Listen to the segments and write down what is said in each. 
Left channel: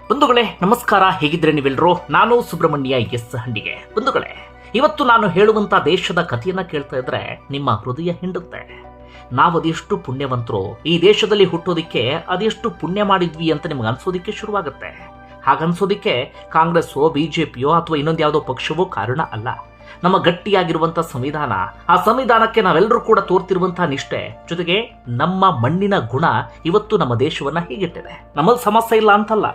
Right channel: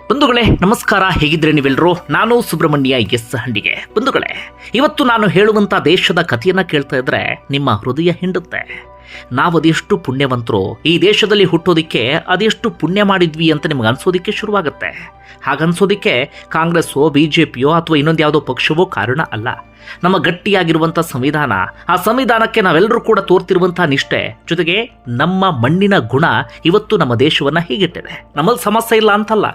ಬಂಧುಗಳೇ ನಮಸ್ಕಾರ, ಹೇಗಿದ್ರೆ ನೀವೆಲ್ಲರೂ? ನಾನು ಸುಬ್ರಹ್ಮಣ್ಯ ಎಸ್ ಹಂಡಿಗೆ. ಬಂಧುಗಳೇ, ಇವತ್ತು ನಾನು ಹೇಳುವಂಥ ದೇಶದ ಕಥೆಯನ್ನ ಕೇಳ್ತಾ ಇದ್ರೆ ನಿಮ್ಮ ಹೃದಯ ಹಿಂಡುತ್ತೆ. ನಾವು ಅದೆಷ್ಟು ಪುಣ್ಯವಂತರು, ಈ ದೇಶದಲ್ಲಿ ಹುಟ್ಟೋದಿಕ್ಕೆ ಅದೆಷ್ಟು ಪುಣ್ಯ ಮಾಡಿದ್ವಿ ಅಂತ ನಿಮ್ಗೆ ಅನ್ಸೋದಿಕ್ಕೆ ಶುರುವಾಗುತ್ತೆ. ಹಾಗನ್ಸೋದಿಕ್ಕೆ ಕಾಂಗ್ರೆಸ್ಸೋ ಬಿಜೆಪಿಯೋ ಅಥವಾ ಇನ್ನೊಂದು ಯಾವುದೋ ಪಕ್ಷವೋ ಕಾರಣ ಅಲ್ಲ. ನಮ್ಮ ಗಟ್ಟಿಯಾಗಿರುವಂಥ ಸಂವಿಧಾನ, ಆ ಸಂವಿಧಾನಕ್ಕೆ ನಾವೆಲ್ಲರೂ ಕೂಡ ತೋರ್ತಿರುವಂಥ ನಿಷ್ಠೆ, ಜೊತೆಗೆ ನಮ್ಮ ಮಣ್ಣಿನ ಗುಣ ಇವತ್ತು ನಮ್ಮ ದೇಶವನ್ನು ಹೀಗಿಟ್ಟಿದೆ. ನಮ್ಮಲ್ಲಿ ಸಮಸ್ಯೆ ಇಲ್ಲ ಅಂತಲ್ಲ,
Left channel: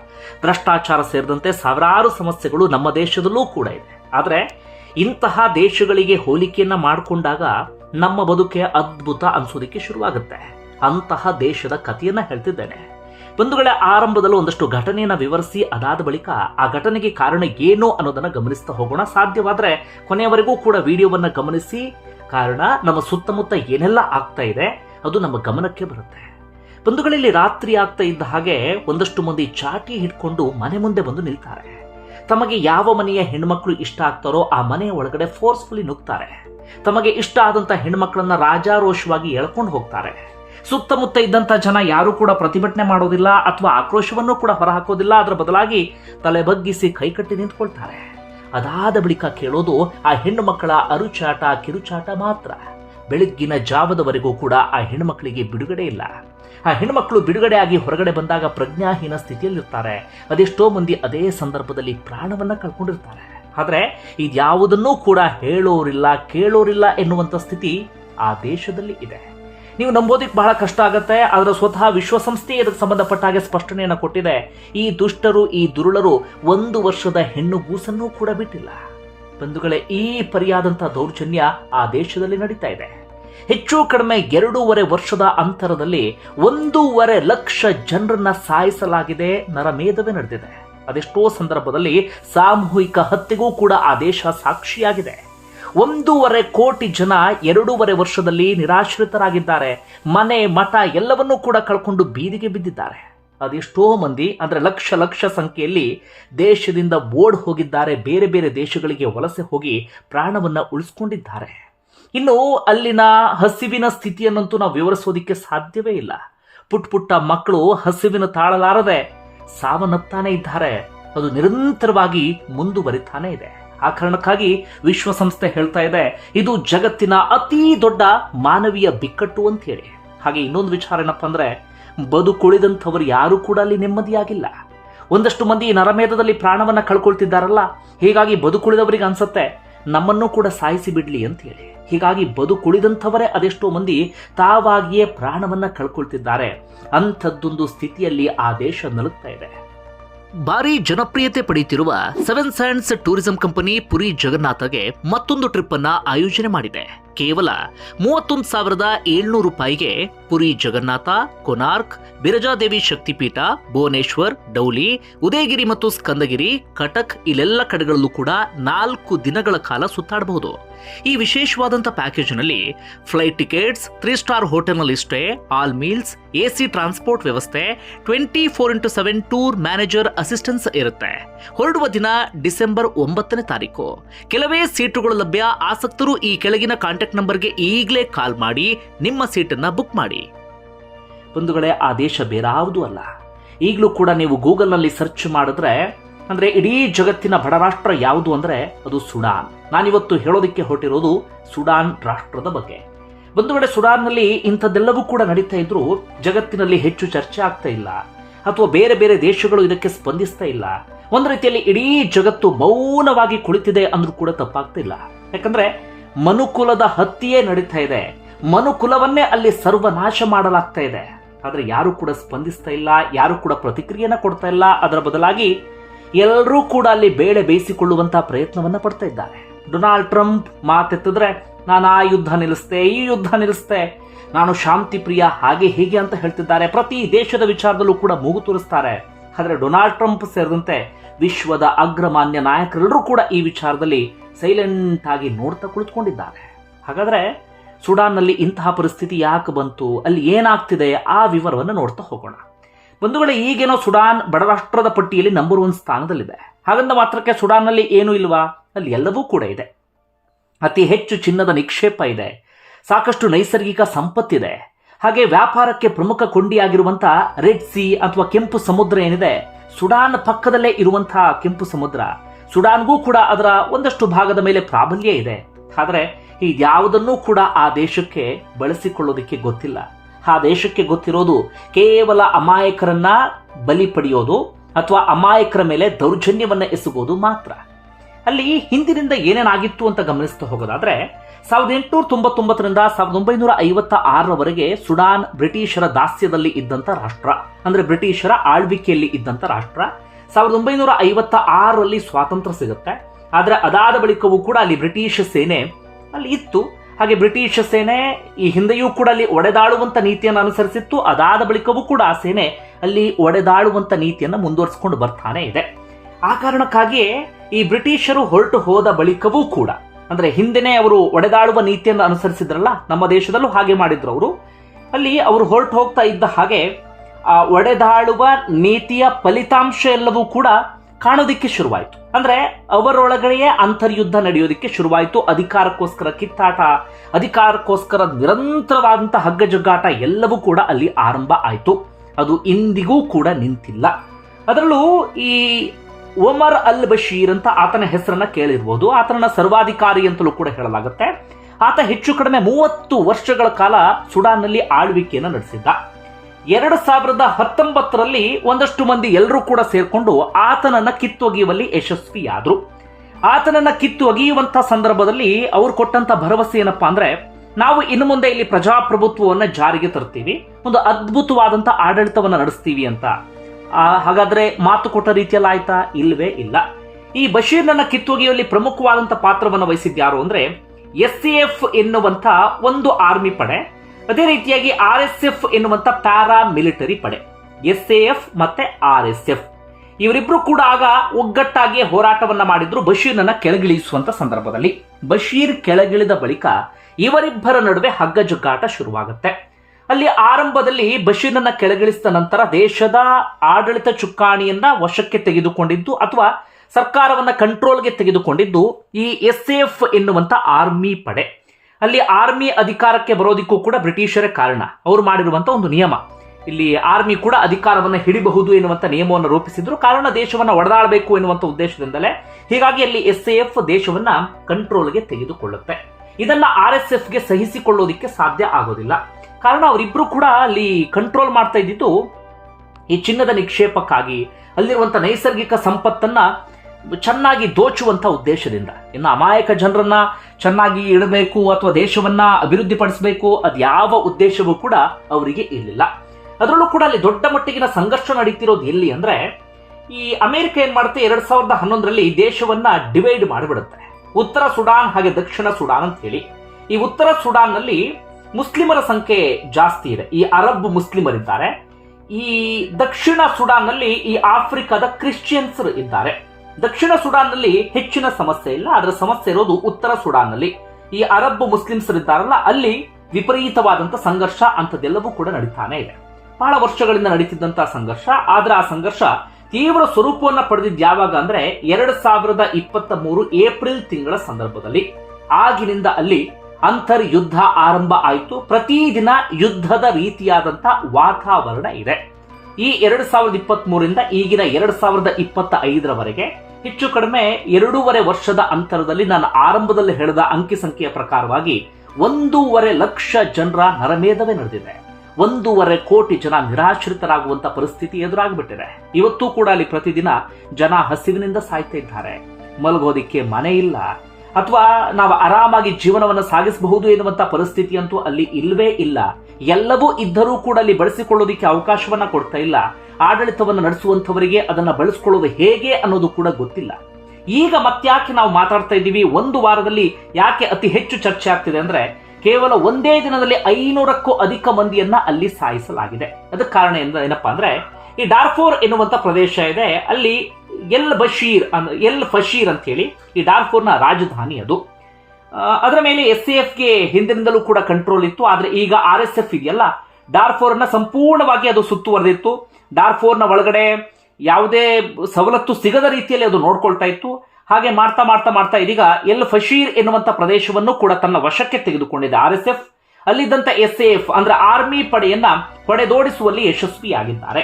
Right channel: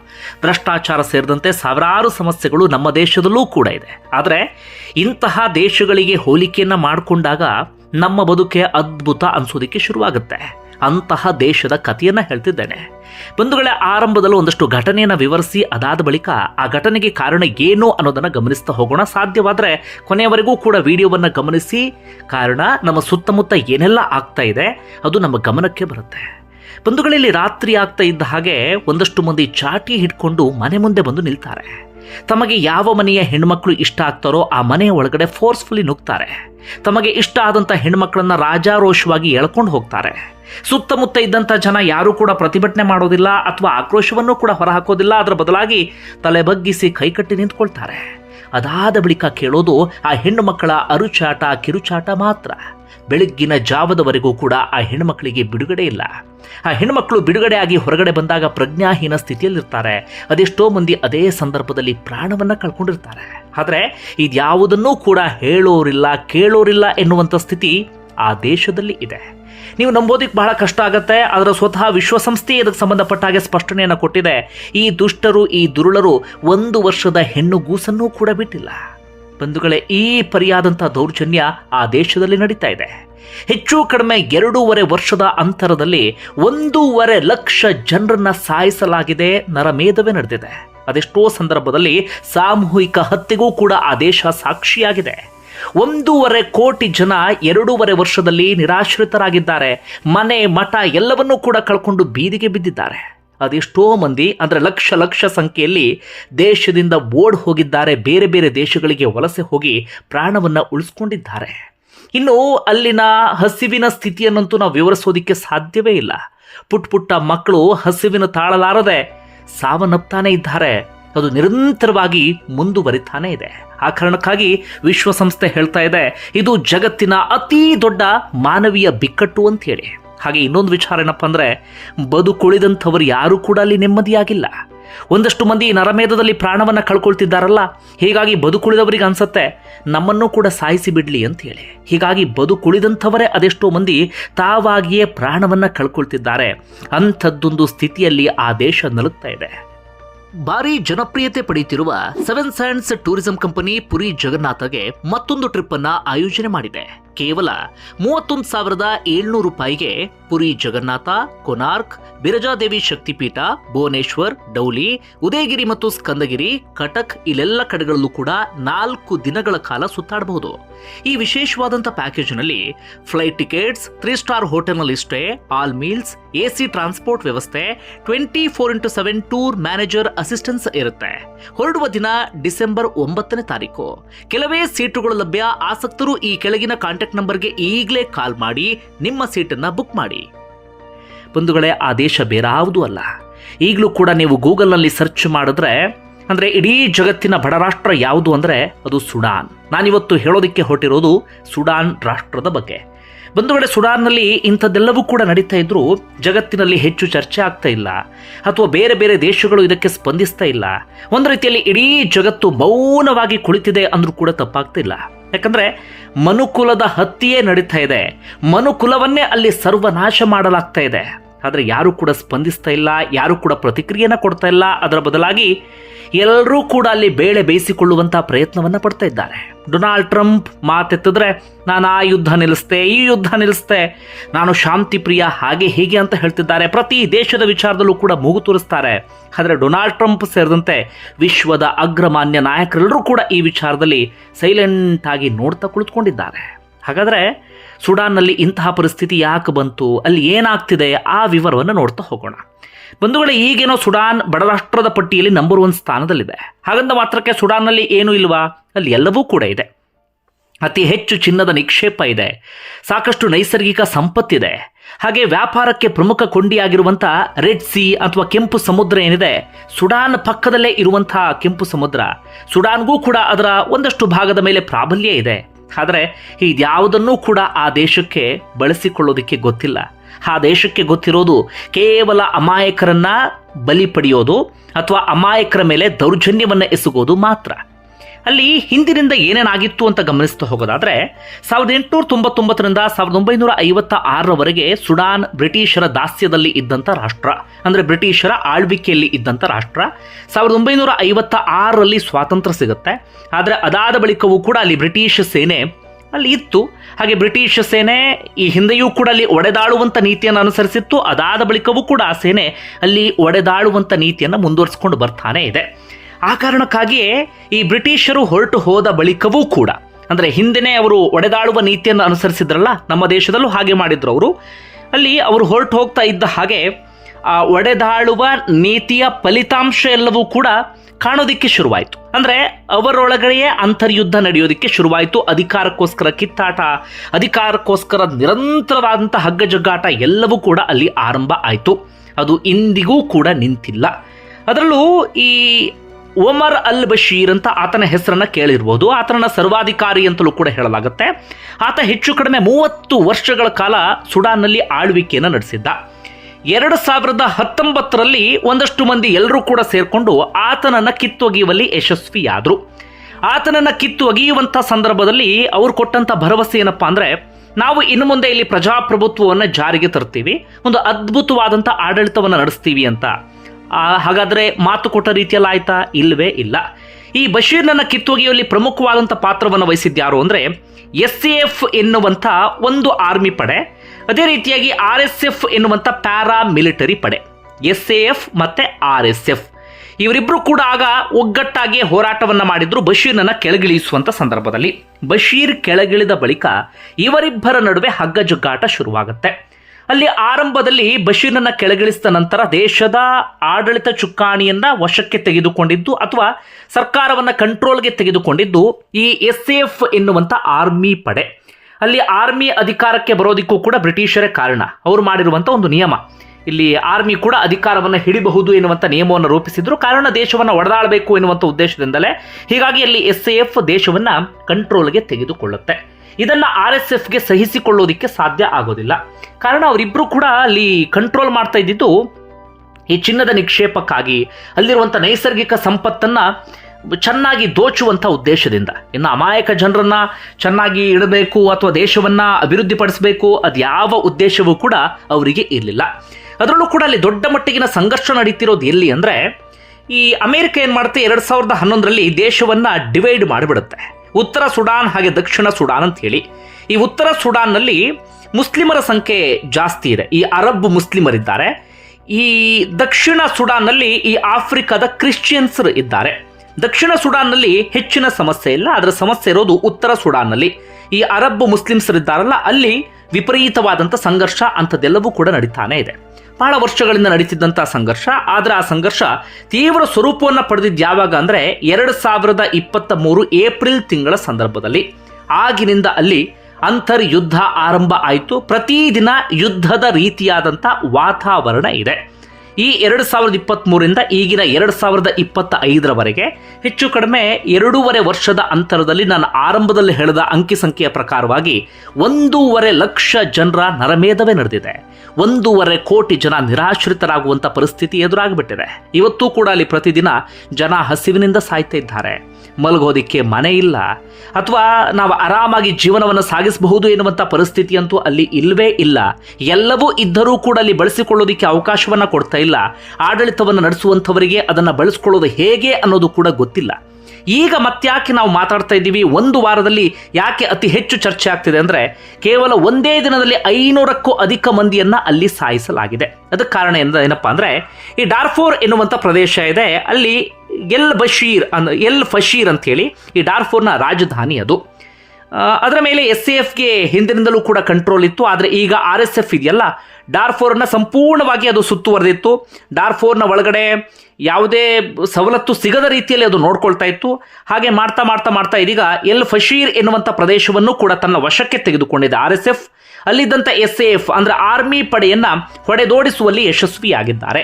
ಭ್ರಷ್ಟಾಚಾರ ಸೇರಿದಂತೆ ಸಾವಿರಾರು ಸಮಸ್ಯೆಗಳು ನಮ್ಮ ದೇಶದಲ್ಲೂ ಕೂಡ ಇದೆ. ಆದರೆ ಇಂತಹ ದೇಶಗಳಿಗೆ ಹೋಲಿಕೆಯನ್ನು ಮಾಡಿಕೊಂಡಾಗ ನಮ್ಮ ಬದುಕೆ ಅದ್ಭುತ ಅನ್ಸೋದಕ್ಕೆ ಶುರುವಾಗುತ್ತೆ. ಅಂತಹ ದೇಶದ ಕಥೆಯನ್ನು ಹೇಳ್ತಿದ್ದೇನೆ. ಬಂಧುಗಳೇ, ಆರಂಭದಲ್ಲೂ ಒಂದಷ್ಟು ಘಟನೆಯನ್ನು ವಿವರಿಸಿ ಅದಾದ ಬಳಿಕ ಆ ಘಟನೆಗೆ ಕಾರಣ ಏನು ಅನ್ನೋದನ್ನು ಗಮನಿಸ್ತಾ ಹೋಗೋಣ. ಸಾಧ್ಯವಾದರೆ ಕೊನೆಯವರೆಗೂ ಕೂಡ ವಿಡಿಯೋವನ್ನು ಗಮನಿಸಿ. ಕಾರಣ ನಮ್ಮ ಸುತ್ತಮುತ್ತ ಏನೆಲ್ಲ ಆಗ್ತಾ ಇದೆ ಅದು ನಮ್ಮ ಗಮನಕ್ಕೆ ಬರುತ್ತೆ. ಬಂಧುಗಳಲ್ಲಿ ರಾತ್ರಿ ಆಗ್ತಾ ಇದ್ದ ಹಾಗೆ ಒಂದಷ್ಟು ಮಂದಿ ಚಾಟಿ ಹಿಡ್ಕೊಂಡು ಮನೆ ಮುಂದೆ ಬಂದು ನಿಲ್ತಾರೆ. ತಮಗೆ ಯಾವ ಮನೆಯ ಹೆಣ್ಮಕ್ಳು ಇಷ್ಟ ಆಗ್ತಾರೋ ಆ ಮನೆಯ ಒಳಗಡೆ ಫೋರ್ಸ್ಫುಲಿ ನುಗ್ತಾರೆ. ತಮಗೆ ಇಷ್ಟ ಆದಂಥ ಹೆಣ್ಮಕ್ಳನ್ನ ರಾಜಾರೋಷವಾಗಿ ಎಳ್ಕೊಂಡು ಹೋಗ್ತಾರೆ. ಸುತ್ತಮುತ್ತ ಇದ್ದಂಥ ಜನ ಯಾರೂ ಕೂಡ ಪ್ರತಿಭಟನೆ ಮಾಡೋದಿಲ್ಲ ಅಥವಾ ಆಕ್ರೋಶವನ್ನು ಕೂಡ ಹೊರಹಾಕೋದಿಲ್ಲ. ಅದರ ಬದಲಾಗಿ ತಲೆ ಬಗ್ಗಿಸಿ ಕೈಕಟ್ಟಿ ನಿಂತ್ಕೊಳ್ತಾರೆ. ಅದಾದ ಬಳಿಕ ಕೇಳೋದು ಆ ಹೆಣ್ಣು ಮಕ್ಕಳ ಅರುಚಾಟ, ಕಿರುಚಾಟ ಮಾತ್ರ. ಬೆಳಗ್ಗಿನ ಜಾವದವರೆಗೂ ಕೂಡ ಆ ಹೆಣ್ಣುಮಕ್ಕಳಿಗೆ ಬಿಡುಗಡೆ ಇಲ್ಲ. ಆ ಹೆಣ್ಣುಮಕ್ಕಳು ಬಿಡುಗಡೆ ಆಗಿ ಹೊರಗಡೆ ಬಂದಾಗ ಪ್ರಜ್ಞಾಹೀನ ಸ್ಥಿತಿಯಲ್ಲಿರ್ತಾರೆ. ಅದೆಷ್ಟೋ ಮಂದಿ ಅದೇ ಸಂದರ್ಭದಲ್ಲಿ ಪ್ರಾಣವನ್ನು ಕಳ್ಕೊಂಡಿರ್ತಾರೆ. ಆದರೆ ಇದ್ಯಾವುದನ್ನೂ ಕೂಡ ಹೇಳೋರಿಲ್ಲ, ಕೇಳೋರಿಲ್ಲ ಎನ್ನುವಂಥ ಸ್ಥಿತಿ ಆ ದೇಶದಲ್ಲಿ ಇದೆ. ನೀವು ನಂಬೋದಕ್ಕೆ ಬಹಳ ಕಷ್ಟ ಆಗುತ್ತೆ. ಅದರ ಸ್ವತಃ ವಿಶ್ವಸಂಸ್ಥೆ ಇದಕ್ಕೆ ಸಂಬಂಧಪಟ್ಟ ಹಾಗೆ ಸ್ಪಷ್ಟನೆಯನ್ನು ಕೊಟ್ಟಿದೆ. ಈ ದುಷ್ಟರು, ಈ ದುರುಳರು 1 ವರ್ಷದ ಹೆಣ್ಣು ಗೂಸನ್ನೂ ಕೂಡ ಬಿಟ್ಟಿಲ್ಲ. ಬಂಧುಗಳೇ, ಈ ಪರಿಯಾದಂಥ ದೌರ್ಜನ್ಯ ಆ ದೇಶದಲ್ಲಿ ನಡೀತಾ ಇದೆ. ಹೆಚ್ಚು ಕಡಿಮೆ 2.5 ವರ್ಷದ ಅಂತರದಲ್ಲಿ 1.5 ಲಕ್ಷ ಜನರನ್ನ ಸಾಯಿಸಲಾಗಿದೆ. ನರಮೇಧವೇ ನಡೆದಿದೆ. ಅದೆಷ್ಟೋ ಸಂದರ್ಭದಲ್ಲಿ ಸಾಮೂಹಿಕ ಹತ್ಯೆಗೂ ಕೂಡ ಆ ದೇಶ ಸಾಕ್ಷಿಯಾಗಿದೆ. 1.5 ಕೋಟಿ ಜನ 2.5 ವರ್ಷದಲ್ಲಿ ನಿರಾಶ್ರಿತರಾಗಿದ್ದಾರೆ. ಮನೆ ಮಠ ಎಲ್ಲವನ್ನೂ ಕೂಡ ಕಳ್ಕೊಂಡು ಬೀದಿಗೆ ಬಿದ್ದಿದ್ದಾರೆ. ಅದೆಷ್ಟೋ ಮಂದಿ, ಅಂದರೆ ಲಕ್ಷ ಸಂಖ್ಯೆಯಲ್ಲಿ ದೇಶದಿಂದ ಓಡ್ ಹೋಗಿದ್ದಾರೆ. ಬೇರೆ ಬೇರೆ ದೇಶಗಳಿಗೆ ವಲಸೆ ಹೋಗಿ ಪ್ರಾಣವನ್ನು ಉಳಿಸ್ಕೊಂಡಿದ್ದಾರೆ. ಇನ್ನು ಅಲ್ಲಿನ ಹಸಿವಿನ ಸ್ಥಿತಿಯನ್ನಂತೂ ನಾವು ವಿವರಿಸೋದಿಕ್ಕೆ ಸಾಧ್ಯವೇ ಇಲ್ಲ. ಪುಟ್ಟ ಮಕ್ಕಳು ಹಸಿವಿನ ತಾಳಲಾರದೆ ಸಾವನ್ನಪ್ತಾನೆ ಇದ್ದಾರೆ. ಅದು ನಿರಂತರವಾಗಿ ಮುಂದುವರಿತಾನೆ ಇದೆ. ಆ ಕಾರಣಕ್ಕಾಗಿ ವಿಶ್ವಸಂಸ್ಥೆ ಹೇಳ್ತಾ ಇದೆ, ಇದು ಜಗತ್ತಿನ ಅತೀ ದೊಡ್ಡ ಮಾನವೀಯ ಬಿಕ್ಕಟ್ಟು ಅಂತ ಹೇಳಿ. ಹಾಗೆ ಇನ್ನೊಂದು ವಿಚಾರ ಏನಪ್ಪ ಅಂದರೆ, ಬದುಕುಳಿದಂಥವರು ಯಾರೂ ಕೂಡ ಅಲ್ಲಿ ನೆಮ್ಮದಿಯಾಗಿಲ್ಲ. ಒಂದಷ್ಟು ಮಂದಿ ನರಮೇಧದಲ್ಲಿ ಪ್ರಾಣವನ್ನು ಕಳ್ಕೊಳ್ತಿದ್ದಾರಲ್ಲ, ಹೀಗಾಗಿ ಬದುಕುಳಿದವರಿಗೆ ಅನ್ಸತ್ತೆ ನಮ್ಮನ್ನು ಕೂಡ ಸಾಯಿಸಿ ಬಿಡಲಿ ಅಂತ ಹೇಳಿ. ಹೀಗಾಗಿ ಬದುಕುಳಿದಂಥವರೇ ಅದೆಷ್ಟೋ ಮಂದಿ ತಾವಾಗಿಯೇ ಪ್ರಾಣವನ್ನು ಕಳ್ಕೊಳ್ತಿದ್ದಾರೆ. ಅಂಥದ್ದೊಂದು ಸ್ಥಿತಿಯಲ್ಲಿ ಆ ದೇಶ ನಲುಗ್ತಾ ಇದೆ. ಭಾರಿ ಜನಪ್ರಿಯತೆ ಪಡೆಯುತ್ತಿರುವ 7 ಸ್ಯಾಂಡ್ಸ್ ಟೂರಿಸಂ ಕಂಪನಿ ಪುರಿ ಜಗನ್ನಾಥಗೆ ಮತ್ತೊಂದು ಟ್ರಿಪ್ ಅನ್ನ ಆಯೋಜನೆ ಮಾಡಿದೆ. ಕೇವಲ 31,700 ರೂಪಾಯಿಗೆ ಪುರಿ ಜಗನ್ನಾಥ, ಕೊನಾರ್ಕ್, ಬಿರಜಾದೇವಿ ಶಕ್ತಿಪೀಠ, ಭುವನೇಶ್ವರ್, ಡೌಲಿ, ಉದಯಗಿರಿ ಮತ್ತು ಸ್ಕಂದಗಿರಿ, ಕಟಕ್ ಇಲ್ಲೆಲ್ಲ ಕಡೆಗಳಲ್ಲೂ ಕೂಡ 4 ದಿನಗಳ ಕಾಲ ಸುತ್ತಾಡಬಹುದು. ಈ ವಿಶೇಷವಾದಂಥ ಪ್ಯಾಕೇಜ್ನಲ್ಲಿ ಫ್ಲೈಟ್ ಟಿಕೆಟ್ಸ್, 3 ಸ್ಟಾರ್ ಹೋಟೆಲ್ನಲ್ಲಿ stay, all meals, AC transport ವ್ಯವಸ್ಥೆ, 24x7 ಟೂರ್ ಮ್ಯಾನೇಜರ್ ಅಸಿಸ್ಟೆನ್ಸ್ ಇರುತ್ತೆ. ಹೊರಡುವ ದಿನ ಡಿಸೆಂಬರ್ 9ನೇ ತಾರೀಕು. ಕೆಲವೇ ಸೀಟುಗಳು ಲಭ್ಯ. ಆಸಕ್ತರು ಈ ಕೆಳಗಿನ ಕಾಂಟ್ಯಾಕ್ಟ್ ನಂಬರ್ಗೆ ಈಗಲೇ ಕಾಲ್ ಮಾಡಿ ನಿಮ್ಮ ಸೀಟನ್ನು ಬುಕ್ ಮಾಡಿ. ಬಂಧುಗಳೇ, ಆ ದೇಶ ಬೇರಾವುದೂ ಅಲ್ಲ. ಈಗಲೂ ಕೂಡ ನೀವು ಗೂಗಲ್ನಲ್ಲಿ ಸರ್ಚ್ ಮಾಡಿದ್ರೆ, ಅಂದರೆ ಇಡೀ ಜಗತ್ತಿನ ಬಡ ರಾಷ್ಟ್ರ ಯಾವುದು ಅಂದರೆ ಅದು ಸುಡಾನ್. ನಾನಿವತ್ತು ಹೇಳೋದಕ್ಕೆ ಹೊರಟಿರೋದು ಸುಡಾನ್ ರಾಷ್ಟ್ರದ ಬಗ್ಗೆ. ಬಂಧುಗಳೇ, ಸುಡಾನ್ನಲ್ಲಿ ಇಂಥದ್ದೆಲ್ಲವೂ ಕೂಡ ನಡೀತಾ ಇದ್ರೂ ಜಗತ್ತಿನಲ್ಲಿ ಹೆಚ್ಚು ಚರ್ಚೆ ಆಗ್ತಾ ಇಲ್ಲ, ಅಥವಾ ಬೇರೆ ಬೇರೆ ದೇಶಗಳು ಇದಕ್ಕೆ ಸ್ಪಂದಿಸ್ತಾ ಇಲ್ಲ. ಒಂದು ರೀತಿಯಲ್ಲಿ ಇಡೀ ಜಗತ್ತು ಮೌನವಾಗಿ ಕುಳಿತಿದೆ ಅಂದ್ರೂ ಕೂಡ ತಪ್ಪಾಗ್ತಾ ಇಲ್ಲ. ಯಾಕಂದರೆ ಮನುಕುಲದ ಹತ್ಯೆಯೇ ನಡೀತಾ ಇದೆ. ಮನುಕುಲವನ್ನೇ ಅಲ್ಲಿ ಸರ್ವನಾಶ ಮಾಡಲಾಗ್ತಾ ಇದೆ. ಆದರೆ ಯಾರೂ ಕೂಡ ಸ್ಪಂದಿಸ್ತಾ ಇಲ್ಲ, ಯಾರೂ ಕೂಡ ಪ್ರತಿಕ್ರಿಯೆನ ಕೊಡ್ತಾ ಇಲ್ಲ. ಅದರ ಬದಲಾಗಿ ಎಲ್ಲರೂ ಕೂಡ ಅಲ್ಲಿ ಬೇಳೆ ಬೇಯಿಸಿಕೊಳ್ಳುವಂಥ ಪ್ರಯತ್ನವನ್ನು ಪಡ್ತಾ ಇದ್ದಾರೆ. ಡೊನಾಲ್ಡ್ ಟ್ರಂಪ್ ಮಾತೆತ್ತಿದ್ರೆ ನಾನು ಆ ಯುದ್ಧ ನಿಲ್ಲಿಸ್ತೆ, ಈ ಯುದ್ಧ ನಿಲ್ಲಿಸ್ತೆ, ನಾನು ಶಾಂತಿ ಪ್ರಿಯ, ಹಾಗೆ ಹೀಗೆ ಅಂತ ಹೇಳ್ತಿದ್ದಾರೆ. ಪ್ರತಿ ದೇಶದ ವಿಚಾರದಲ್ಲೂ ಕೂಡ ಮೂಗು ತೋರಿಸ್ತಾರೆ. ಆದರೆ ಡೊನಾಲ್ಡ್ ಟ್ರಂಪ್ ಸೇರಿದಂತೆ ವಿಶ್ವದ ಅಗ್ರಮಾನ್ಯ ನಾಯಕರೆಲ್ಲರೂ ಕೂಡ ಈ ವಿಚಾರದಲ್ಲಿ ಸೈಲೆಂಟ್ ಆಗಿ ನೋಡ್ತಾ ಕುಳಿತುಕೊಂಡಿದ್ದಾರೆ. ಹಾಗಾದರೆ ಸುಡಾನ್ನಲ್ಲಿ ಇಂತಹ ಪರಿಸ್ಥಿತಿ ಯಾಕೆ ಬಂತು, ಅಲ್ಲಿ ಏನಾಗ್ತಿದೆ, ಆ ವಿವರವನ್ನು ನೋಡ್ತಾ ಹೋಗೋಣ. ಬಂಧುಗಳೇ, ಈಗೇನೋ ಸುಡಾನ್ ಬಡರಾಷ್ಟ್ರದ ಪಟ್ಟಿಯಲ್ಲಿ ನಂಬರ್ 1 ಸ್ಥಾನದಲ್ಲಿದೆ. ಹಾಗಂದ ಮಾತ್ರಕ್ಕೆ ಸುಡಾನ್ನಲ್ಲಿ ಏನೂ ಇಲ್ವಾ? ಅಲ್ಲಿ ಎಲ್ಲವೂ ಕೂಡ ಇದೆ. ಅತಿ ಹೆಚ್ಚು ಚಿನ್ನದ ನಿಕ್ಷೇಪ ಇದೆ, ಸಾಕಷ್ಟು ನೈಸರ್ಗಿಕ ಸಂಪತ್ತಿದೆ. ಹಾಗೆ ವ್ಯಾಪಾರಕ್ಕೆ ಪ್ರಮುಖ ಕೊಂಡಿಯಾಗಿರುವಂಥ ರೆಡ್ ಸಿ ಅಥವಾ ಕೆಂಪು ಸಮುದ್ರ ಏನಿದೆ, ಸುಡಾನ್ ಪಕ್ಕದಲ್ಲೇ ಇರುವಂತಹ ಕೆಂಪು ಸಮುದ್ರ, ಸುಡಾನ್ಗೂ ಕೂಡ ಅದರ ಒಂದಷ್ಟು ಭಾಗದ ಮೇಲೆ ಪ್ರಾಬಲ್ಯ ಇದೆ. ಆದರೆ ಇದ್ಯಾವುದನ್ನೂ ಕೂಡ ಆ ದೇಶಕ್ಕೆ ಬಳಸಿಕೊಳ್ಳೋದಕ್ಕೆ ಗೊತ್ತಿಲ್ಲ. ಆ ದೇಶಕ್ಕೆ ಗೊತ್ತಿರೋದು ಕೇವಲ ಅಮಾಯಕರನ್ನ ಬಲಿ ಪಡೆಯೋದು ಅಥವಾ ಅಮಾಯಕರ ಮೇಲೆ ದೌರ್ಜನ್ಯವನ್ನು ಎಸಗೋದು ಮಾತ್ರ. ಅಲ್ಲಿ ಹಿಂದಿನಿಂದ ಏನೇನಾಗಿತ್ತು ಅಂತ ಗಮನಿಸ್ತಾ ಹೋಗೋದಾದ್ರೆ 1899ರಿಂದ 1956ರವರೆಗೆ ಸುಡಾನ್ ಬ್ರಿಟಿಷರ ದಾಸ್ಯದಲ್ಲಿ ಇದ್ದಂಥ ರಾಷ್ಟ್ರ, ಅಂದರೆ ಬ್ರಿಟಿಷರ ಆಳ್ವಿಕೆಯಲ್ಲಿ ಇದ್ದಂಥ ರಾಷ್ಟ್ರ. 1956ರಲ್ಲಿ ಸ್ವಾತಂತ್ರ್ಯ ಸಿಗುತ್ತೆ. ಆದರೆ ಅದಾದ ಬಳಿಕವೂ ಕೂಡ ಅಲ್ಲಿ ಬ್ರಿಟಿಷ್ ಸೇನೆ ಅಲ್ಲಿ ಇತ್ತು. ಹಾಗೆ ಬ್ರಿಟಿಷ್ ಸೇನೆ ಈ ಹಿಂದೆಯೂ ಕೂಡ ಅಲ್ಲಿ ಒಡೆದಾಳುವಂಥ ನೀತಿಯನ್ನು ಅನುಸರಿಸಿತ್ತು. ಅದಾದ ಬಳಿಕವೂ ಕೂಡ ಆ ಸೇನೆ ಅಲ್ಲಿ ಒಡೆದಾಳುವಂಥ ನೀತಿಯನ್ನು ಮುಂದುವರಿಸಿಕೊಂಡು ಬರ್ತಾನೆ ಇದೆ. ಆ ಕಾರಣಕ್ಕಾಗಿಯೇ ಈ ಬ್ರಿಟಿಷರು ಹೊರಟು ಹೋದ ಬಳಿಕವೂ ಕೂಡ, ಅಂದರೆ ಹಿಂದೆನೇ ಅವರು ಒಡೆದಾಳುವ ನೀತಿಯನ್ನು ಅನುಸರಿಸಿದ್ರಲ್ಲ, ನಮ್ಮ ದೇಶದಲ್ಲೂ ಹಾಗೆ ಮಾಡಿದ್ರು ಅವರು. ಅಲ್ಲಿ ಅವರು ಹೊರಟು ಹೋಗ್ತಾ ಇದ್ದ ಹಾಗೆ ಆ ಒಡೆದಾಳುವ ನೀತಿಯ ಫಲಿತಾಂಶ ಎಲ್ಲವೂ ಕೂಡ ಕಾಣೋದಿಕ್ಕೆ ಶುರುವಾಯಿತು. ಅಂದರೆ ಅವರೊಳಗಡೆಯೇ ಅಂತರ್ಯುದ್ಧ ನಡೆಯೋದಕ್ಕೆ ಶುರುವಾಯಿತು. ಅಧಿಕಾರಕ್ಕೋಸ್ಕರ ಕಿತ್ತಾಟ, ಅಧಿಕಾರಕ್ಕೋಸ್ಕರ ನಿರಂತರವಾದಂಥ ಹಗ್ಗಜಗ್ಗಾಟ ಎಲ್ಲವೂ ಕೂಡ ಅಲ್ಲಿ ಆರಂಭ ಆಯಿತು. ಅದು ಇಂದಿಗೂ ಕೂಡ ನಿಂತಿಲ್ಲ. ಅದರಲ್ಲೂ ಈ ಒಮರ್ ಅಲ್ ಬಶೀರ್ ಅಂತ ಆತನ ಹೆಸರನ್ನ ಕೇಳಿರ್ಬೋದು. ಆತನನ್ನ ಸರ್ವಾಧಿಕಾರಿ ಅಂತಲೂ ಕೂಡ ಹೇಳಲಾಗುತ್ತೆ. ಆತ ಹೆಚ್ಚು ಕಡಿಮೆ 30 ವರ್ಷಗಳ ಕಾಲ ಸುಡಾನ್ನಲ್ಲಿ ಆಳ್ವಿಕೆಯನ್ನು ನಡೆಸಿದ್ದ. 2019ರಲ್ಲಿ ಒಂದಷ್ಟು ಮಂದಿ ಎಲ್ಲರೂ ಕೂಡ ಸೇರ್ಕೊಂಡು ಆತನನ್ನ ಕಿತ್ತೊಗೆಯುವಲ್ಲಿ ಯಶಸ್ವಿಯಾದರು. ಆತನನ್ನ ಕಿತ್ತೊಗೆಯುವಂಥ ಸಂದರ್ಭದಲ್ಲಿ ಅವರು ಕೊಟ್ಟಂತ ಭರವಸೆ ಏನಪ್ಪಾ ಅಂದ್ರೆ, ನಾವು ಇನ್ನು ಮುಂದೆ ಇಲ್ಲಿ ಪ್ರಜಾಪ್ರಭುತ್ವವನ್ನು ಜಾರಿಗೆ ತರ್ತೀವಿ, ಒಂದು ಅದ್ಭುತವಾದಂಥ ಆಡಳಿತವನ್ನು ನಡೆಸ್ತೀವಿ ಅಂತ. ಹಾಗಾದ್ರೆ ಮಾತು ಕೊಟ್ಟ ರೀತಿಯಲ್ಲಿ ಆಯ್ತಾ? ಇಲ್ಲವೇ ಇಲ್ಲ. ಈ ಬಶೀರ್ನನ್ನ ಕಿತ್ತೊಗೆಯುವಲ್ಲಿ ಪ್ರಮುಖವಾದಂಥ ಪಾತ್ರವನ್ನು ವಹಿಸಿದ್ಯಾರು ಅಂದ್ರೆ SAF ಎನ್ನುವಂಥ ಒಂದು ಆರ್ಮಿ ಪಡೆ, ಅದೇ ರೀತಿಯಾಗಿ RSF ಎನ್ನುವಂಥ ಪ್ಯಾರಾ ಮಿಲಿಟರಿ ಪಡೆ. SAF ಮತ್ತೆ RSF ಇವರಿಬ್ರು ಕೂಡ ಆಗ ಒಗ್ಗಟ್ಟಾಗಿ ಹೋರಾಟವನ್ನ ಮಾಡಿದ್ರು ಬಶೀರ್ನನ್ನ ಕೆಳಗಿಳಿಸುವಂತ ಸಂದರ್ಭದಲ್ಲಿ. ಬಶೀರ್ ಕೆಳಗಿಳಿದ ಬಳಿಕ ಇವರಿಬ್ಬರ ನಡುವೆ ಹಗ್ಗಜಗ್ಗಾಟ ಶುರುವಾಗುತ್ತೆ. ಅಲ್ಲಿ ಆರಂಭದಲ್ಲಿ ಬಶೀರ್ನನ್ನ ಕೆಳಗಿಳಿಸಿದ ನಂತರ ದೇಶದ ಆಡಳಿತ ಚುಕ್ಕಾಣಿಯನ್ನ ವಶಕ್ಕೆ ತೆಗೆದುಕೊಂಡಿದ್ದು ಅಥವಾ ಸರ್ಕಾರವನ್ನ ಕಂಟ್ರೋಲ್ಗೆ ತೆಗೆದುಕೊಂಡಿದ್ದು ಈ SAF ಎನ್ನುವಂಥ ಆರ್ಮಿ ಪಡೆ. ಅಲ್ಲಿ ಆರ್ಮಿ ಅಧಿಕಾರಕ್ಕೆ ಬರೋದಕ್ಕೂ ಕೂಡ ಬ್ರಿಟಿಷರೇ ಕಾರಣ. ಅವರು ಮಾಡಿರುವಂಥ ಒಂದು ನಿಯಮ, ಇಲ್ಲಿ ಆರ್ಮಿ ಕೂಡ ಅಧಿಕಾರವನ್ನು ಹಿಡಿಬಹುದು ಎನ್ನುವಂಥ ನಿಯಮವನ್ನು ರೂಪಿಸಿದ್ರು. ಕಾರಣ ದೇಶವನ್ನು ಒಡೆದಾಳಬೇಕು ಎನ್ನುವಂಥ ಉದ್ದೇಶದಿಂದಲೇ. ಹೀಗಾಗಿ ಅಲ್ಲಿ SAF ದೇಶವನ್ನ ಕಂಟ್ರೋಲ್ಗೆ ತೆಗೆದುಕೊಳ್ಳುತ್ತೆ. ಇದನ್ನ RSFಗೆ ಸಹಿಸಿಕೊಳ್ಳೋದಿಕ್ಕೆ ಸಾಧ್ಯ ಆಗೋದಿಲ್ಲ. ಕಾರಣ ಅವರಿಬ್ರು ಕೂಡ ಅಲ್ಲಿ ಕಂಟ್ರೋಲ್ ಮಾಡ್ತಾ ಇದ್ದಿದ್ದು ಈ ಚಿನ್ನದ ನಿಕ್ಷೇಪಕ್ಕಾಗಿ, ಅಲ್ಲಿರುವಂಥ ನೈಸರ್ಗಿಕ ಸಂಪತ್ತನ್ನ ಚೆನ್ನಾಗಿ ದೋಚುವಂಥ ಉದ್ದೇಶದಿಂದ. ಇನ್ನು ಅಮಾಯಕ ಜನರನ್ನ ಚೆನ್ನಾಗಿ ಇಡಬೇಕು ಅಥವಾ ದೇಶವನ್ನ ಅಭಿವೃದ್ಧಿಪಡಿಸಬೇಕು, ಅದ್ಯಾವ ಉದ್ದೇಶವೂ ಕೂಡ ಅವರಿಗೆ ಇರಲಿಲ್ಲ. ಅದರಲ್ಲೂ ಕೂಡ ಅಲ್ಲಿ ದೊಡ್ಡ ಮಟ್ಟಿಗಿನ ಸಂಘರ್ಷ ನಡೀತಿರೋದು ಎಲ್ಲಿ ಅಂದರೆ, ಈ ಅಮೆರಿಕ ಏನು ಮಾಡುತ್ತೆ, 2011ರಲ್ಲಿ ದೇಶವನ್ನ ಡಿವೈಡ್ ಮಾಡಿಬಿಡುತ್ತೆ. ಉತ್ತರ ಸುಡಾನ್ ಹಾಗೆ ದಕ್ಷಿಣ ಸುಡಾನ್ ಅಂತ ಹೇಳಿ. ಈ ಉತ್ತರ ಸುಡಾನ್ನಲ್ಲಿ ಮುಸ್ಲಿಮರ ಸಂಖ್ಯೆ ಜಾಸ್ತಿ ಇದೆ, ಈ ಅರಬ್ ಮುಸ್ಲಿಮರಿದ್ದಾರೆ. ಈ ದಕ್ಷಿಣ ಸುಡಾನ್ನಲ್ಲಿ ಈ ಆಫ್ರಿಕಾದ ಕ್ರಿಶ್ಚಿಯನ್ಸ್ ಇದ್ದಾರೆ. ದಕ್ಷಿಣ ಸುಡಾನ್ನಲ್ಲಿ ಹೆಚ್ಚಿನ ಸಮಸ್ಯೆ ಇಲ್ಲ, ಅದರ ಸಮಸ್ಯೆ ಇರೋದು ಉತ್ತರ ಸುಡಾನ್ನಲ್ಲಿ. ಈ ಅರಬ್ ಮುಸ್ಲಿಮ್ಸ್ ಇದ್ದಾರಲ್ಲ, ಅಲ್ಲಿ ವಿಪರೀತವಾದಂಥ ಸಂಘರ್ಷ ಅಂಥದ್ದೆಲ್ಲವೂ ಕೂಡ ನಡೀತಾನೆ ಇದೆ. ಬಹಳ ವರ್ಷಗಳಿಂದ ನಡೀತಿದ್ದಂಥ ಸಂಘರ್ಷ. ಆದರೆ ಆ ಸಂಘರ್ಷ ತೀವ್ರ ಸ್ವರೂಪವನ್ನು ಪಡೆದಿದ್ದು ಯಾವಾಗ ಅಂದರೆ 2023 ಏಪ್ರಿಲ್ ತಿಂಗಳ ಸಂದರ್ಭದಲ್ಲಿ. ಆಗಿನಿಂದ ಅಲ್ಲಿ ಅಂತರ್ಯುದ್ಧ ಆರಂಭ ಆಯಿತು. ಪ್ರತಿದಿನ ಯುದ್ಧದ ರೀತಿಯಾದಂಥ ವಾತಾವರಣ ಇದೆ. ಈ 2023ರಿಂದ ಈಗಿನ 2025ರವರೆಗೆ ಹೆಚ್ಚು ಕಡಿಮೆ 2.5 ವರ್ಷದ ಅಂತರದಲ್ಲಿ ನಾನು ಆರಂಭದಲ್ಲಿ ಹೇಳಿದ ಅಂಕಿ ಸಂಖ್ಯೆಯ ಪ್ರಕಾರವಾಗಿ 1.5 ಲಕ್ಷ ಜನರ ನರಮೇಧವೇ ನಡೆದಿದೆ. 1.5 ಕೋಟಿ ಜನ ನಿರಾಶ್ರಿತರಾಗುವಂಥ ಪರಿಸ್ಥಿತಿ ಎದುರಾಗಿಬಿಟ್ಟಿದೆ. ಇವತ್ತೂ ಕೂಡ ಅಲ್ಲಿ ಪ್ರತಿದಿನ ಜನ ಹಸಿವಿನಿಂದ ಸಾಯ್ತಾ ಇದ್ದಾರೆ. ಮಲಗೋದಿಕ್ಕೆ ಮನೆ ಇಲ್ಲ, ಅಥವಾ ನಾವು ಆರಾಮಾಗಿ ಜೀವನವನ್ನು ಸಾಗಿಸಬಹುದು ಎನ್ನುವಂಥ ಪರಿಸ್ಥಿತಿ ಅಂತೂ ಅಲ್ಲಿ ಇಲ್ಲವೇ ಇಲ್ಲ. ಎಲ್ಲವೂ ಇದ್ದರೂ ಕೂಡ ಅಲ್ಲಿ ಬಳಸಿಕೊಳ್ಳೋದಕ್ಕೆ ಅವಕಾಶವನ್ನು ಕೊಡ್ತಾ ಇಲ್ಲ. ಆಡಳಿತವನ್ನು ನಡೆಸುವಂಥವರಿಗೆ ಅದನ್ನು ಬಳಸಿಕೊಳ್ಳೋದು ಹೇಗೆ ಅನ್ನೋದು ಕೂಡ ಗೊತ್ತಿಲ್ಲ. ಈಗ ಮತ್ತ್ಯಾಕೆ ನಾವು ಮಾತಾಡ್ತಾ ಇದ್ದೀವಿ, ಒಂದು ವಾರದಲ್ಲಿ ಯಾಕೆ ಅತಿ ಹೆಚ್ಚು ಚರ್ಚೆ ಆಗ್ತಿದೆ ಅಂದರೆ, ಕೇವಲ ಒಂದೇ ದಿನದಲ್ಲಿ 500ಕ್ಕೂ ಅಧಿಕ ಮಂದಿಯನ್ನ ಅಲ್ಲಿ ಸಾಯಿಸಲಾಗಿದೆ. ಅದಕ್ಕೆ ಕಾರಣ ಏನಪ್ಪಾ ಅಂದರೆ, ಈ ಡಾರ್ಫೋರ್ ಎನ್ನುವಂಥ ಪ್ರದೇಶ ಇದೆ, ಅಲ್ಲಿ ಎಲ್ ಫಶೀರ್ ಅಂತ ಹೇಳಿ ಈ ಡಾರ್ಫೋರ್ನ ರಾಜಧಾನಿ ಅದು. ಅದರ ಮೇಲೆ SAFಗೆ ಹಿಂದಿನಿಂದಲೂ ಕೂಡ ಕಂಟ್ರೋಲ್ ಇತ್ತು. ಆದರೆ ಈಗ RSF ಇದೆಯಲ್ಲ, ಡಾರ್ಫೋರ್ನ ಸಂಪೂರ್ಣವಾಗಿ ಅದು ಸುತ್ತುವರೆದಿತ್ತು. ಡಾರ್ಫೋರ್ನ ಒಳಗಡೆ ಯಾವುದೇ ಸವಲತ್ತು ಸಿಗದ ರೀತಿಯಲ್ಲಿ ಅದು ನೋಡ್ಕೊಳ್ತಾ ಇತ್ತು. ಹಾಗೆ ಮಾಡ್ತಾ ಇದೀಗ ಎಲ್ ಫಶೀರ್ ಎನ್ನುವಂಥ ಪ್ರದೇಶವನ್ನು ಕೂಡ ತನ್ನ ವಶಕ್ಕೆ ತೆಗೆದುಕೊಂಡಿದೆ RSF. ಅಲ್ಲಿದ್ದಂಥ SAF ಅಂದ್ರೆ ಆರ್ಮಿ ಪಡೆಯನ್ನ ಹೊಡೆದೋಡಿಸುವಲ್ಲಿ ಯಶಸ್ವಿಯಾಗಿದ್ದಾರೆ.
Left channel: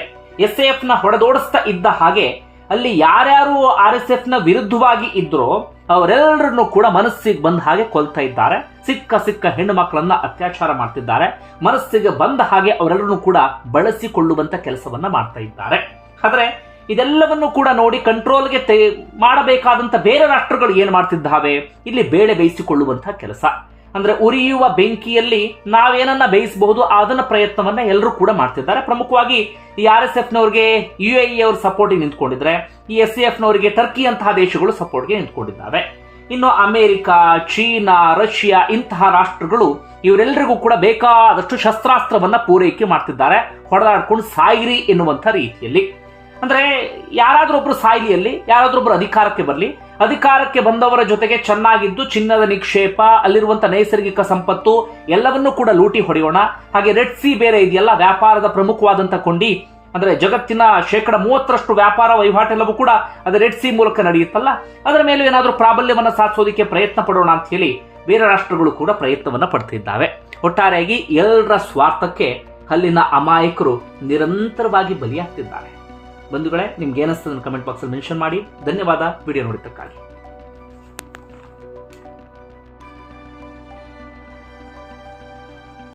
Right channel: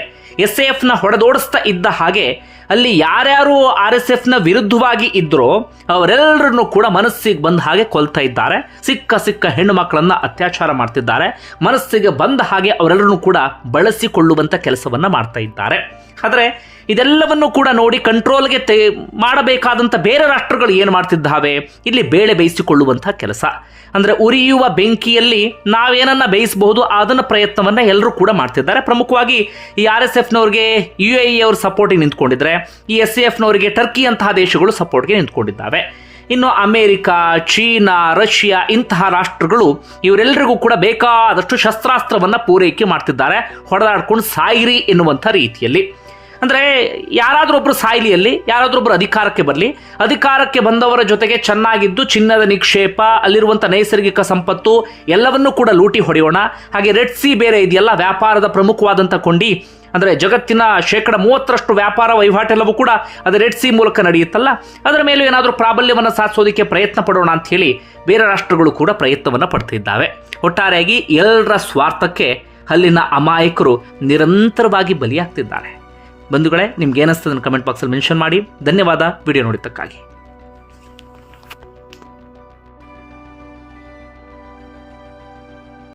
SAFನ ಹೊಡೆದೋಡಿಸ್ತಾ ಇದ್ದ ಹಾಗೆ ಅಲ್ಲಿ ಯಾರ್ಯಾರು RSFನ ವಿರುದ್ಧವಾಗಿ ಇದ್ರೋ ಅವರೆಲ್ಲರನ್ನು ಕೂಡ ಮನಸ್ಸಿಗೆ ಬಂದ ಹಾಗೆ ಕೊಲ್ತಾ ಇದ್ದಾರೆ. ಸಿಕ್ಕ ಹೆಣ್ಣು ಮಕ್ಕಳನ್ನ ಅತ್ಯಾಚಾರ ಮಾಡ್ತಿದ್ದಾರೆ. ಮನಸ್ಸಿಗೆ ಬಂದ ಹಾಗೆ ಅವರೆಲ್ಲರನ್ನು ಕೂಡ ಬಳಸಿಕೊಳ್ಳುವಂತ ಕೆಲಸವನ್ನ ಮಾಡ್ತಾ ಇದ್ದಾರೆ. ಆದರೆ ಇದೆಲ್ಲವನ್ನು ಕೂಡ ನೋಡಿ ಕಂಟ್ರೋಲ್ಗೆ ಮಾಡಬೇಕಾದಂಥ ಬೇರೆ ರಾಷ್ಟ್ರಗಳು ಏನು ಮಾಡ್ತಿದ್ದಾವೆ, ಇಲ್ಲಿ ಬೇಳೆ ಬೇಯಿಸಿಕೊಳ್ಳುವಂಥ ಕೆಲಸ. ಅಂದರೆ ಉರಿಯುವ ಬೆಂಕಿಯಲ್ಲಿ ನಾವೇನನ್ನ ಬೇಯಿಸಬಹುದು ಅದನ್ನ ಪ್ರಯತ್ನವನ್ನ ಎಲ್ಲರೂ ಕೂಡ ಮಾಡ್ತಿದ್ದಾರೆ. ಪ್ರಮುಖವಾಗಿ ಈ RSFನವ್ರಿಗೆ UAE ಅವರು ಸಪೋರ್ಟಿಗೆ ನಿಂತ್ಕೊಂಡಿದ್ರೆ, ಈ SAFನವರಿಗೆ ಟರ್ಕಿ ಅಂತಹ ದೇಶಗಳು ಸಪೋರ್ಟ್ಗೆ ನಿಂತ್ಕೊಂಡಿದ್ದಾವೆ. ಇನ್ನು ಅಮೆರಿಕ, ಚೀನಾ, ರಷ್ಯಾ ಇಂತಹ ರಾಷ್ಟ್ರಗಳು ಇವರೆಲ್ಲರಿಗೂ ಕೂಡ ಬೇಕಾದಷ್ಟು ಶಸ್ತ್ರಾಸ್ತ್ರವನ್ನ ಪೂರೈಕೆ ಮಾಡ್ತಿದ್ದಾರೆ, ಹೊಡೆದಾಡ್ಕೊಂಡು ಸಾಯಿರಿ ಎನ್ನುವಂಥ ರೀತಿಯಲ್ಲಿ. ಅಂದರೆ ಯಾರಾದರೂ ಒಬ್ಬರು ಸಾಯ್ಲಿಯಲ್ಲಿ, ಯಾರಾದರೂ ಒಬ್ಬರು ಅಧಿಕಾರಕ್ಕೆ ಬರಲಿ, ಅಧಿಕಾರಕ್ಕೆ ಬಂದವರ ಜೊತೆಗೆ ಚೆನ್ನಾಗಿದ್ದು ಚಿನ್ನದ ನಿಕ್ಷೇಪ, ಅಲ್ಲಿರುವಂಥ ನೈಸರ್ಗಿಕ ಸಂಪತ್ತು ಎಲ್ಲವನ್ನೂ ಕೂಡ ಲೂಟಿ ಹೊಡೆಯೋಣ. ಹಾಗೆ ರೆಡ್ ಸಿ ಬೇರೆ ಇದೆಯಲ್ಲ, ವ್ಯಾಪಾರದ ಪ್ರಮುಖವಾದಂಥ ಕೊಂಡಿ, ಅಂದರೆ ಜಗತ್ತಿನ 30% ವ್ಯಾಪಾರ ವಹಿವಾಟೆಲ್ಲವೂ ಕೂಡ ಅದು ರೆಡ್ ಸಿ ಮೂಲಕ ನಡೆಯುತ್ತಲ್ಲ, ಅದರ ಮೇಲೂ ಏನಾದರೂ ಪ್ರಾಬಲ್ಯವನ್ನು ಸಾಧಿಸೋದಕ್ಕೆ ಪ್ರಯತ್ನ ಪಡೋಣ ಅಂತ ಹೇಳಿ ಬೇರೆ ರಾಷ್ಟ್ರಗಳು ಕೂಡ ಪ್ರಯತ್ನವನ್ನು ಪಡ್ತಿದ್ದಾವೆ. ಒಟ್ಟಾರೆಯಾಗಿ ಎಲ್ಲರ ಸ್ವಾರ್ಥಕ್ಕೆ ಅಲ್ಲಿನ ಅಮಾಯಕರು ನಿರಂತರವಾಗಿ ಬಲಿಯಾಗ್ತಿದ್ದಾರೆ. ಬಂಧುಗಳೇ, ನಿಮ್ಗೆ ಏನಿಸ್ತದನ್ನು ಕಮೆಂಟ್ ಬಾಕ್ಸಲ್ಲಿ ಮೆನ್ಷನ್ ಮಾಡಿ. ಧನ್ಯವಾದ ವಿಡಿಯೋ ನೋಡಿದ್ದಕ್ಕಾಗಿ.